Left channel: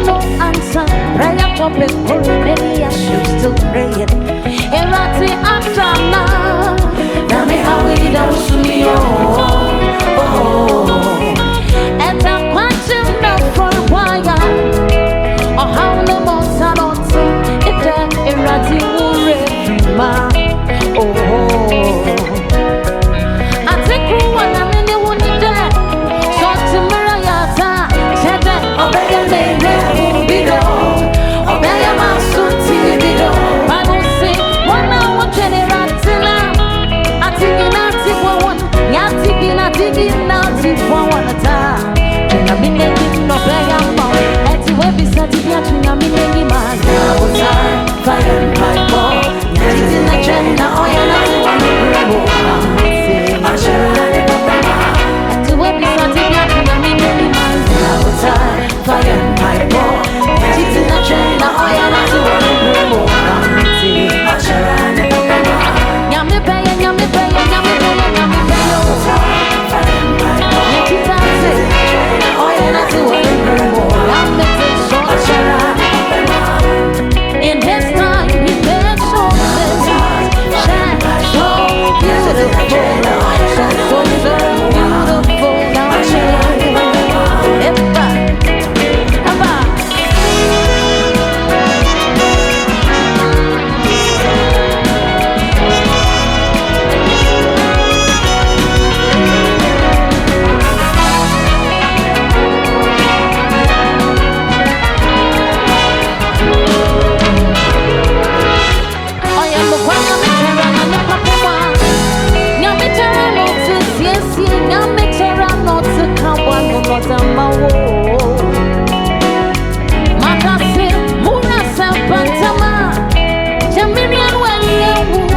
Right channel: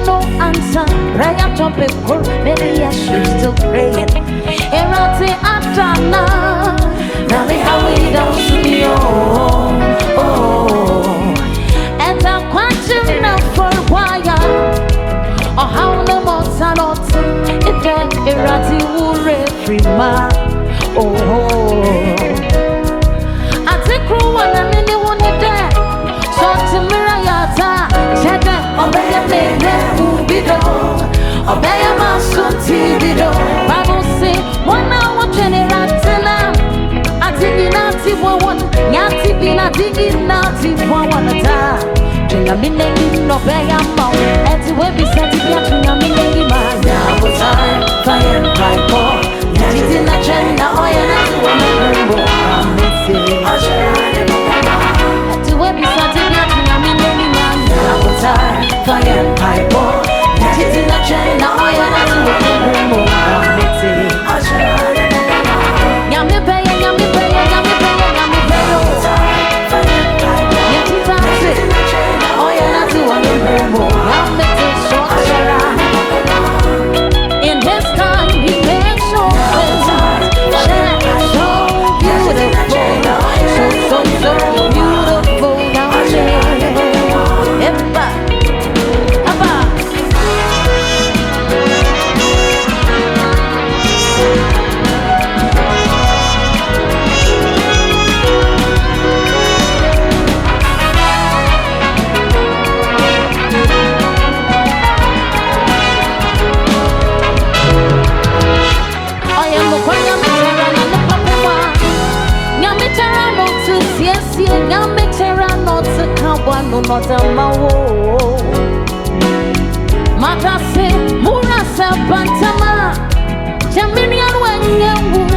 No answer, prayer topic, many as you still praying. Erati Atana, now me how we don't see me and I want you know for why or how no more sanotum, it erati will every man. I take one and anyone there. So to Mirayata, Chede, obey a man, Ubido, obey a masun Tibido. Bible say, 1 hour generatina. I think in one, Yati Bina digging naughty one at a time. Jingaminegi, no bay a mouth, at the web is at the Yaminegi man. Now, fire and pipe ball. Yatina Jenna, Oyana, one I'm missing. Webi sati biatu na mimi man na hotel fire pipe ball titi na chena oya na tu wemo na miti nyame beya nyatitati oya na tu wemo na miti short shara. In his time he makes all things shine so beautiful, so beautiful. Not a mawo Matase Murasa Bantama Jaminian when you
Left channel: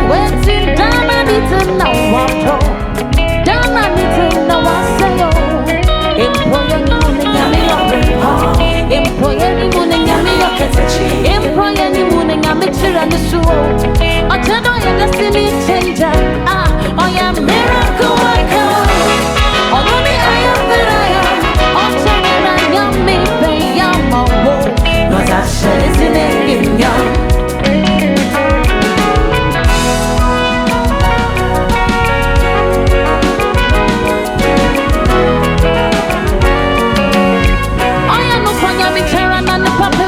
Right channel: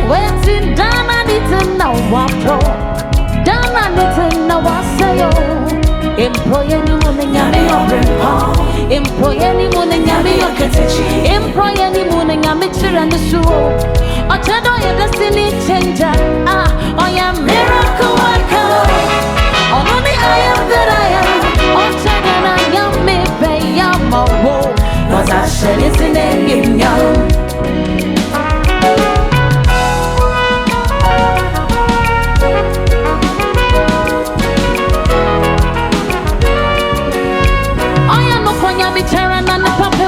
waiting Dana Nita now wapro Dana Nita now wasayo Employ any morning yami your Employ any morning yami your ketch Employ any morning yami and the show Otedo your destiny changer Oh yeah miracle worker Oh no me I am that I am Ochana yummy pay yama wo cause I said it's in a game young I am no point yummy terra and the papa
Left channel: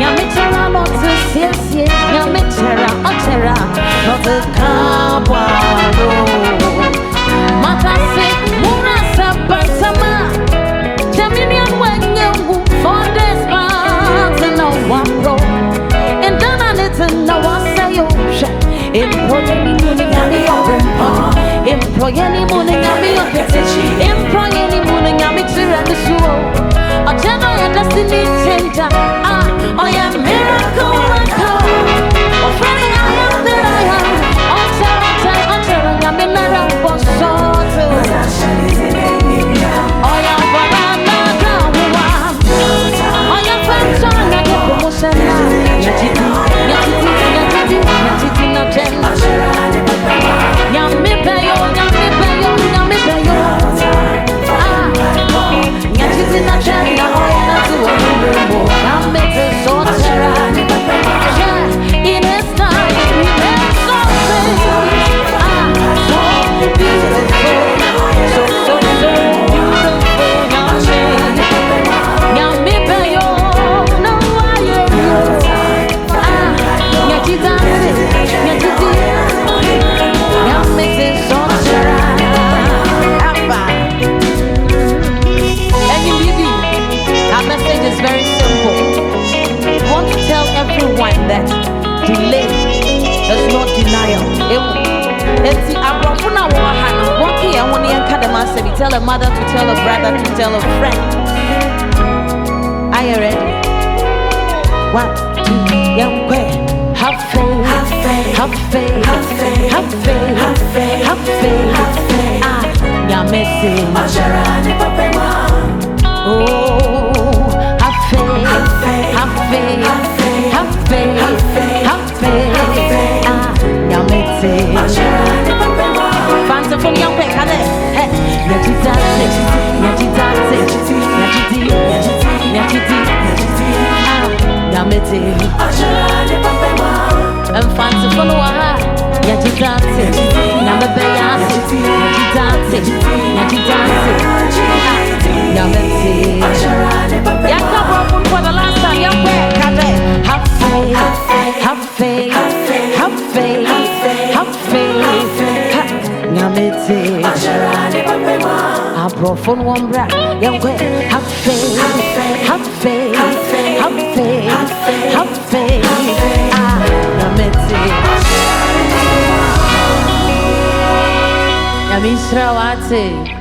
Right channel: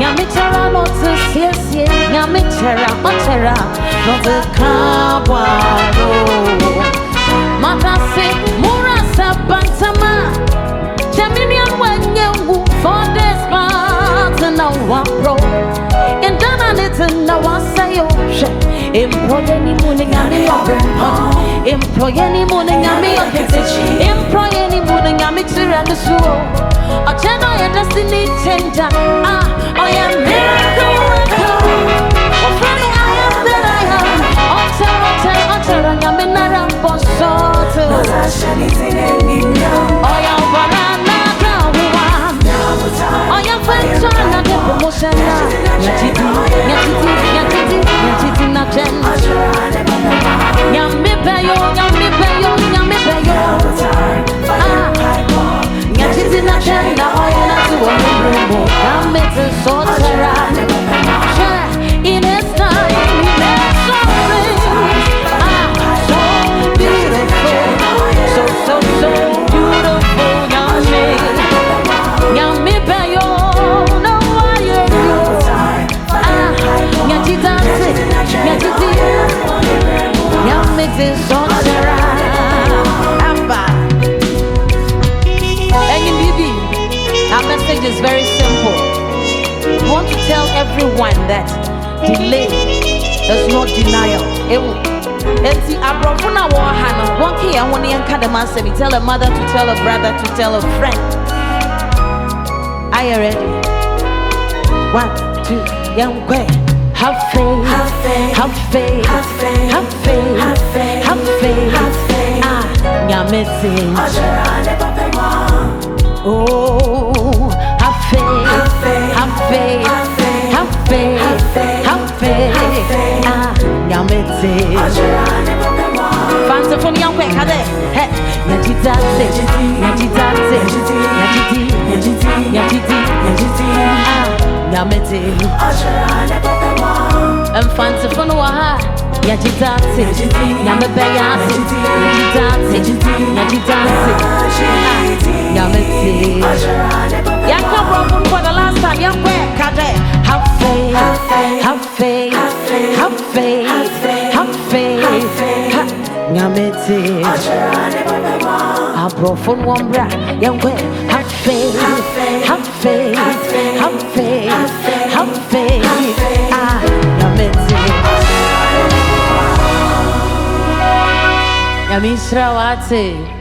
yummy terra not to see yummy terra otera not a cabaro Matase Murasa Bantama Jaminian when you for this part and now one pro and then I need to know what say you employ any morning and me your employ any morning and me your kitchen employ any morning and me to run the show or channel your destiny changer I am miracle worker or friend I am that I am I'm in a ramp soto. Oh yeah, banana kawa. Oh yeah, fanchana de promotion na. Nyatiti na chen. Nyame beyo. Nyatiti na chen na oh yeah na tu wamrumo. Nyame te sotera. In his time he makes all things. So makes it so our message is very simple. We want to tell everyone that delay is not denial. Tell a mother to tell a brother to tell a friend. Are you ready? 1, 2, have faith, have faith, have faith, have faith. Nya message. Oh, have faith, have faith, have faith, have faith. Nya message. Fanti for young quick, hey, Nya Gyadzi, Nya Gyadzi, Nya Gyadzi, Nya Gyadzi. Nya message. And Fanti for no Nya Gyadzi, Nya Gyadzi, Nya Gyadzi, Nya Gyadzi. Nya message. Yaka broken for the last time. Young quick, have faith, have faith, have faith, have faith. Nya message. A broken one bra. Young quick, have faith, have faith, have faith, have faith. Nya message. Nya misra wate.